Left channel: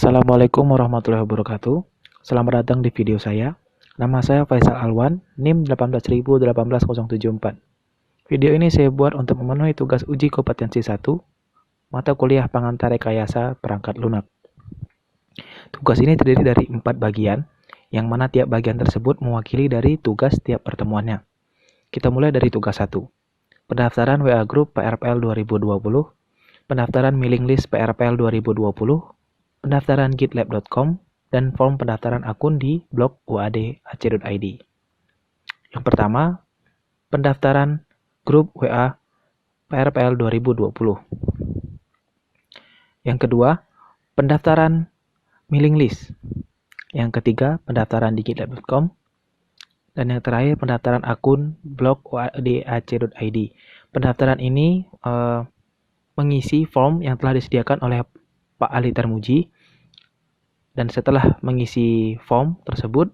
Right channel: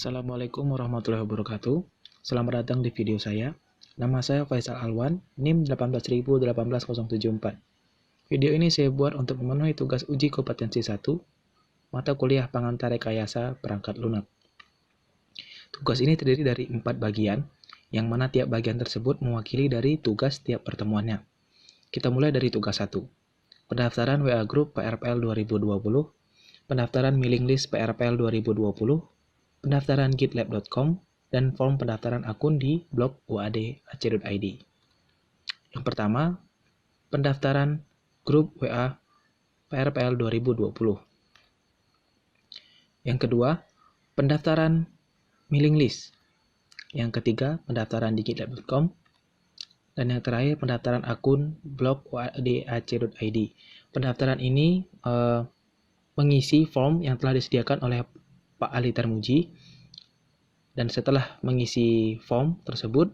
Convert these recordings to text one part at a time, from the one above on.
Assalamualaikum warahmatullahi wabarakatuh. Selamat datang di video saya. Nama saya Faisal Alwan, NIM 1818074. Video ini saya buat untuk memenuhi tugas uji kompetensi 1, mata kuliah pengantar rekayasa perangkat lunak. Tugas ini terdiri dari 4 bagian, yang mana tiap bagian tersebut mewakili dari tugas tiap pertemuannya. Kita mulai dari tugas 1. Pendaftaran WA Group PRPL 2020, pendaftaran mailing list PRPL 2020, pendaftaran gitlab.com, dan form pendaftaran akun di blog uad.ac.id. Yang pertama, pendaftaran grup WA PRPL 2020. Yang kedua, pendaftaran mailing list. Yang ketiga, pendaftaran di gitlab.com. Dan yang terakhir, pendaftaran akun blog uad.ac.id. Pendaftaran ini mengisi form yang telah disediakan oleh Pak Ali Tarmuji, dan setelah mengisi form tersebut,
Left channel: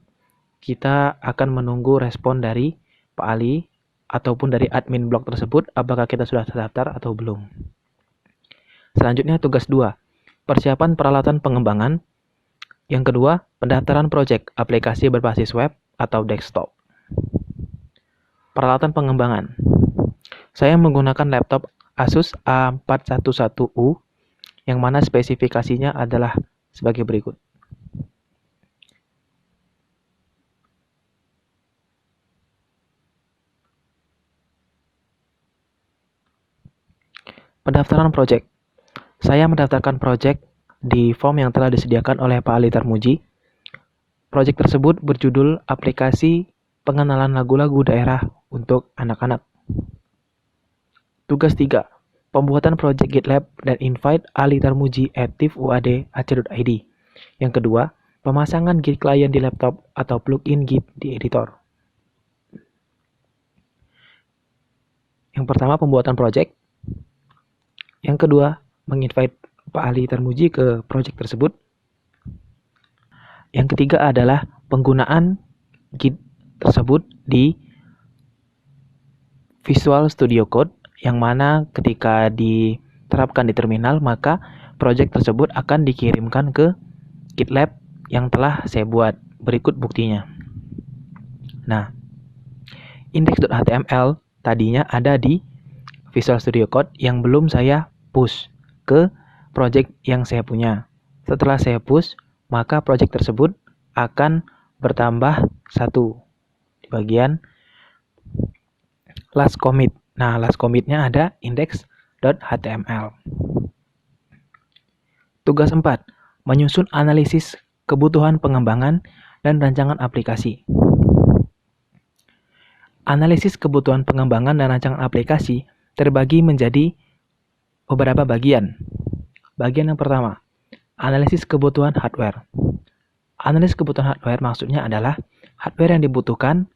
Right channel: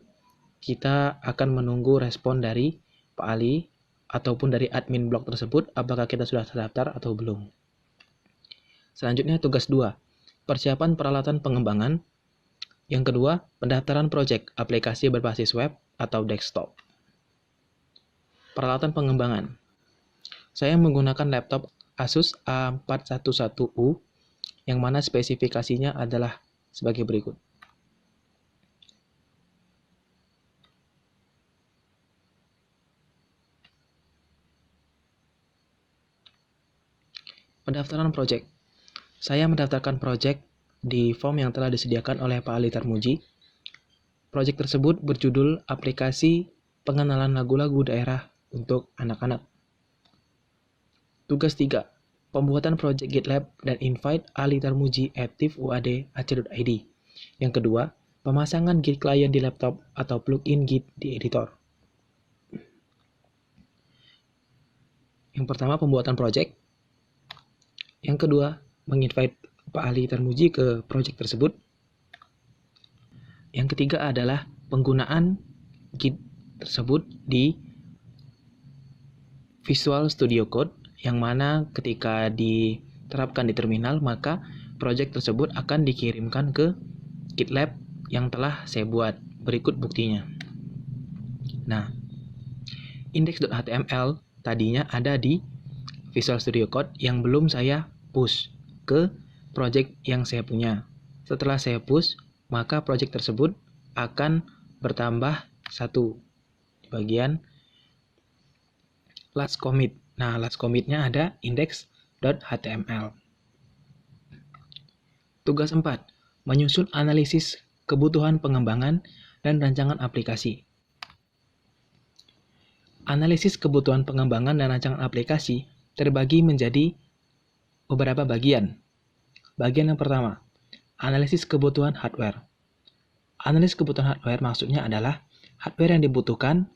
kita akan menunggu respon dari Pak Ali ataupun dari admin blog tersebut apakah kita sudah terdaftar atau belum. Selanjutnya tugas 2, persiapan peralatan pengembangan. Yang kedua, pendaftaran project aplikasi berbasis web atau desktop. Peralatan pengembangan. Saya menggunakan laptop Asus A411U yang mana spesifikasinya adalah sebagai berikut. Pendaftaran project. Saya mendaftarkan project di form yang telah disediakan oleh Pak Ali Tarmuji. Project tersebut berjudul aplikasi pengenalan lagu-lagu daerah untuk anak-anak. Tugas 3. Pembuatan project GitLab dan invite Ali Tarmuji @uad.ac.id. Yang kedua, pemasangan Git client di laptop atau plugin Git di editor. Yang pertama, pembuatan project. Yang kedua, menginvite Pak Ali Tarmuji ke project tersebut. Yang ketiga adalah penggunaan Git tersebut di Visual Studio Code, yang mana ketika diterapkan di terminal, maka project tersebut akan dikirimkan ke GitLab yang telah saya buat. Berikut buktinya. Nah, index.html tadinya ada di Visual Studio Code yang belum saya push ke project yang saya punya. Setelah saya push, maka project tersebut akan bertambah 1 di bagian last commit. Nah, last commit-nya ada index.html. Tugas 4. Menyusun analisis kebutuhan pengembangan dan rancangan aplikasi. Analisis kebutuhan pengembangan dan rancangan aplikasi terbagi menjadi beberapa bagian. Bagian yang pertama, analisis kebutuhan hardware. Analisis kebutuhan hardware maksudnya adalah hardware yang dibutuhkan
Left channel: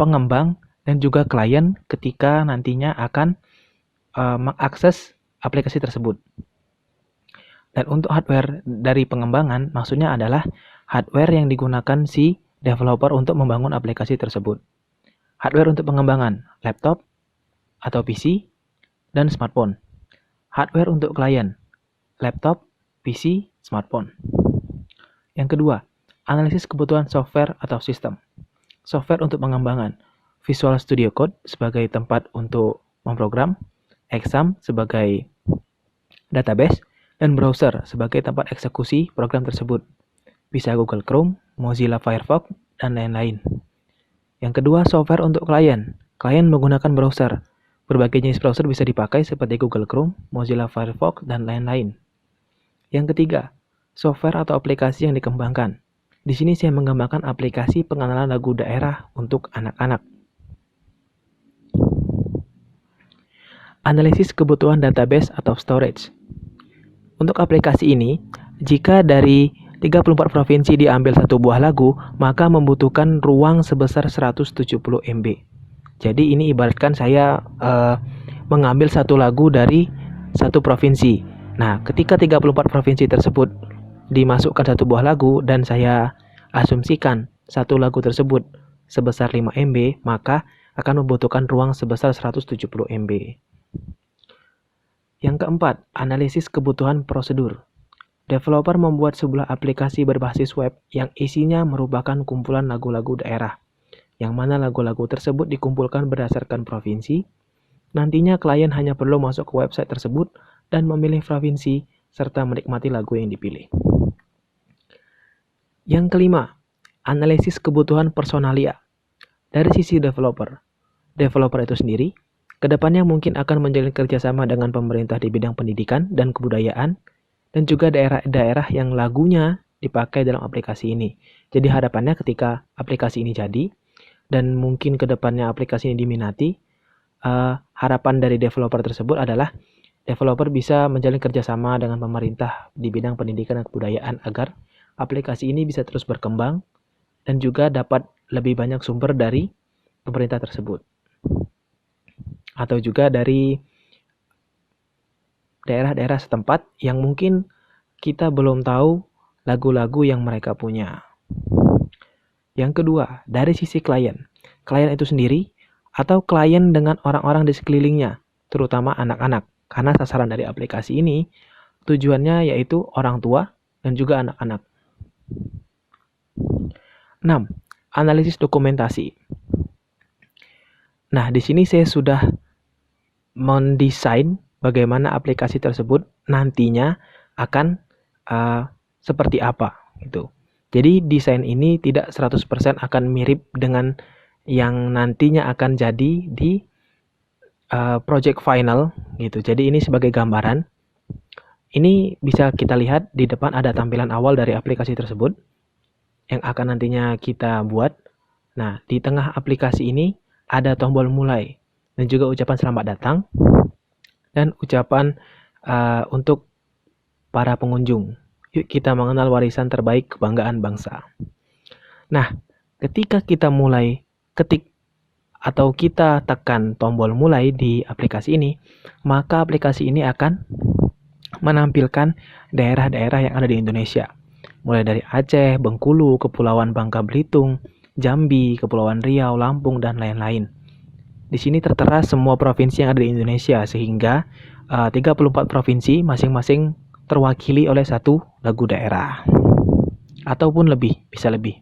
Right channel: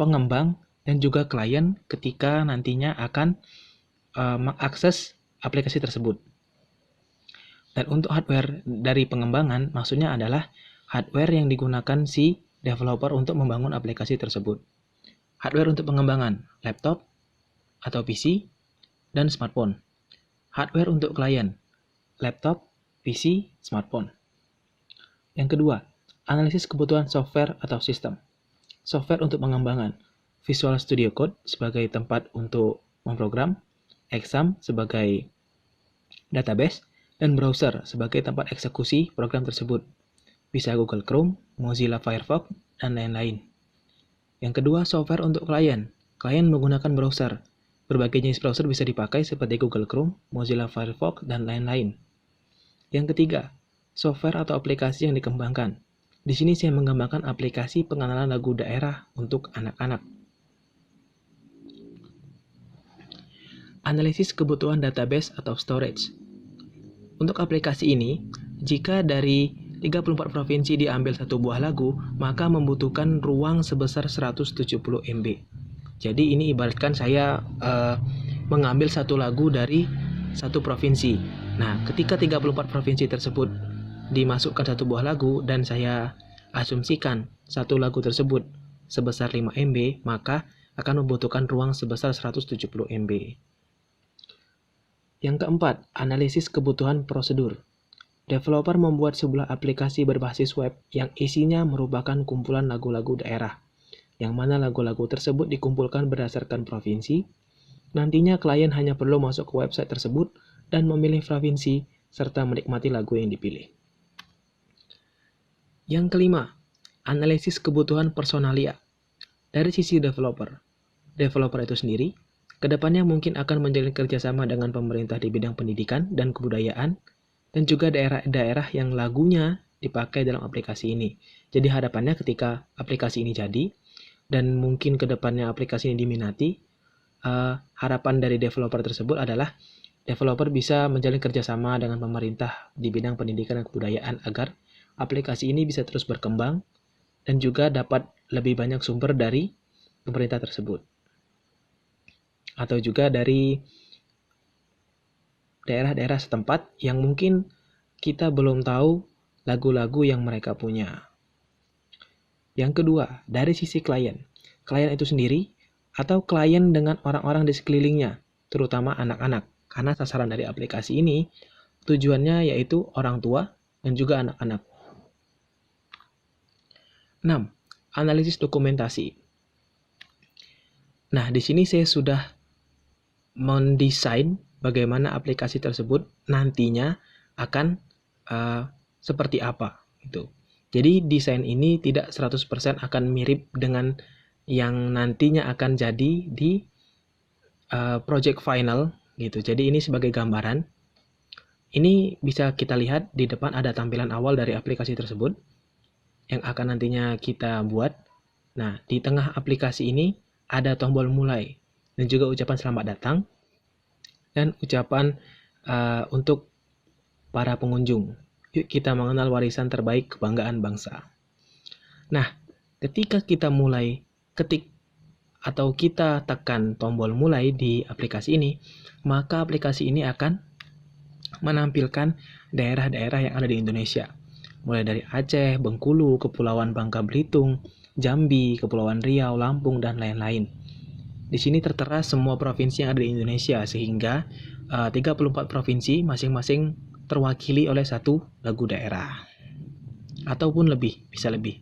pengembang dan juga klien ketika nantinya akan mengakses aplikasi tersebut. Dan untuk hardware dari pengembangan maksudnya adalah hardware yang digunakan si developer untuk membangun aplikasi tersebut. Hardware untuk pengembangan, laptop atau PC dan smartphone. Hardware untuk klien, laptop, PC, smartphone. Yang kedua, analisis kebutuhan software atau sistem. Software untuk pengembangan, Visual Studio Code sebagai tempat untuk memprogram, Exam sebagai database, dan browser sebagai tempat eksekusi program tersebut. Bisa Google Chrome, Mozilla Firefox, dan lain-lain. Yang kedua, software untuk klien. Klien menggunakan browser. Berbagai jenis browser bisa dipakai seperti Google Chrome, Mozilla Firefox, dan lain-lain. Yang ketiga, software atau aplikasi yang dikembangkan. Di sini saya mengembangkan aplikasi pengenalan lagu daerah untuk anak-anak. Analisis kebutuhan database atau storage. Untuk aplikasi ini, jika dari 34 provinsi diambil satu buah lagu, maka membutuhkan ruang sebesar 170 MB. Jadi ini ibaratkan saya mengambil satu lagu dari satu provinsi. Nah, ketika 34 provinsi tersebut dimasukkan satu buah lagu dan saya asumsikan satu lagu tersebut sebesar 5 MB, maka akan membutuhkan ruang sebesar 170 MB. Yang keempat, analisis kebutuhan prosedur. developer membuat sebuah aplikasi berbasis web yang isinya merupakan kumpulan lagu-lagu daerah, yang mana lagu-lagu tersebut dikumpulkan berdasarkan provinsi. Nantinya klien hanya perlu masuk ke website tersebut dan memilih provinsi serta menikmati lagu yang dipilih. Yang kelima, analisis kebutuhan personalia. Dari sisi developer itu sendiri, kedepannya mungkin akan menjalin kerjasama dengan pemerintah di bidang pendidikan dan kebudayaan, dan juga daerah-daerah yang lagunya dipakai dalam aplikasi ini. Jadi harapannya ketika aplikasi ini jadi, dan mungkin kedepannya aplikasi ini diminati, harapan dari developer tersebut adalah developer bisa menjalin kerjasama dengan pemerintah di bidang pendidikan dan kebudayaan agar aplikasi ini bisa terus berkembang dan juga dapat lebih banyak sumber dari pemerintah tersebut. Atau juga dari daerah-daerah setempat yang mungkin kita belum tahu lagu-lagu yang mereka punya. Yang kedua, dari sisi klien. Klien itu sendiri atau klien dengan orang-orang di sekelilingnya, terutama anak-anak. Karena sasaran dari aplikasi ini tujuannya yaitu orang tua dan juga anak-anak. 6. Analisis dokumentasi. Nah, di sini saya sudah mendesain bagaimana aplikasi tersebut nantinya akan seperti apa gitu. Jadi desain ini tidak 100% akan mirip dengan yang nantinya akan jadi di project final gitu. Jadi ini sebagai gambaran. Ini bisa kita lihat di depan ada tampilan awal dari aplikasi tersebut yang akan nantinya kita buat. Nah, di tengah aplikasi ini ada tombol mulai dan juga ucapan selamat datang dan ucapan untuk para pengunjung. Yuk kita mengenal warisan terbaik kebanggaan bangsa. Nah, ketika kita mulai ketik atau kita tekan tombol mulai di aplikasi ini, maka aplikasi ini akan menampilkan daerah-daerah yang ada di Indonesia. Mulai dari Aceh, Bengkulu, Kepulauan Bangka Belitung, Jambi, Kepulauan Riau, Lampung, dan lain-lain. Di sini tertera semua provinsi yang ada di Indonesia, sehingga 34 provinsi masing-masing terwakili oleh satu lagu daerah. Ataupun lebih, bisa lebih.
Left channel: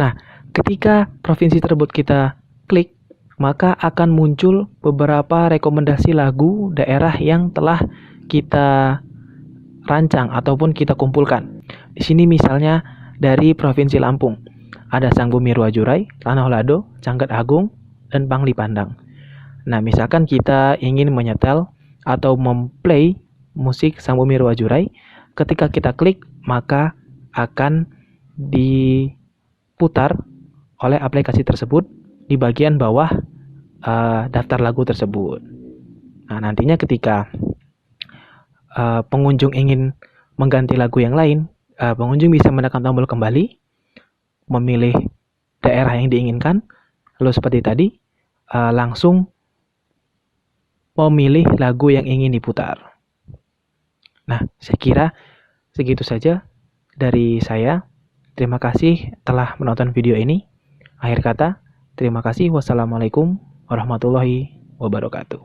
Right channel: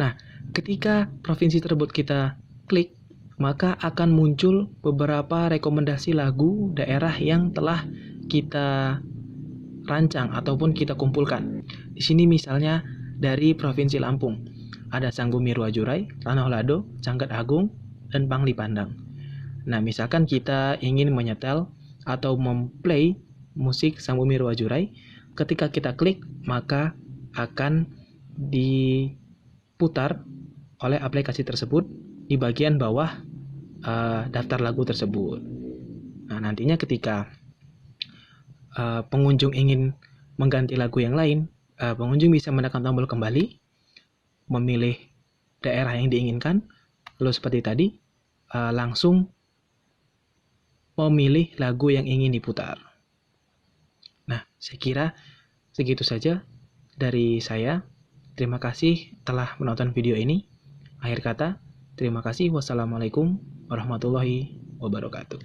Nah, ketika provinsi tersebut kita klik, maka akan muncul beberapa rekomendasi lagu daerah yang telah kita rancang ataupun kita kumpulkan. Di sini misalnya dari Provinsi Lampung, ada Sang Bumi Ruwajurai, Tanah Lado, Cangkat Agung, dan Pangli Pandang. Nah, misalkan kita ingin menyetel atau memplay musik Sang Bumi Ruwajurai, ketika kita klik, maka akan diputar oleh aplikasi tersebut di bagian bawah daftar lagu tersebut. Nah, nantinya ketika pengunjung ingin mengganti lagu yang lain, pengunjung bisa menekan tombol kembali, memilih daerah yang diinginkan, lalu seperti tadi, langsung memilih lagu yang ingin diputar. Nah, saya kira segitu saja dari saya. Terima kasih telah menonton video ini. Akhir kata, terima kasih. Wassalamualaikum warahmatullahi wabarakatuh.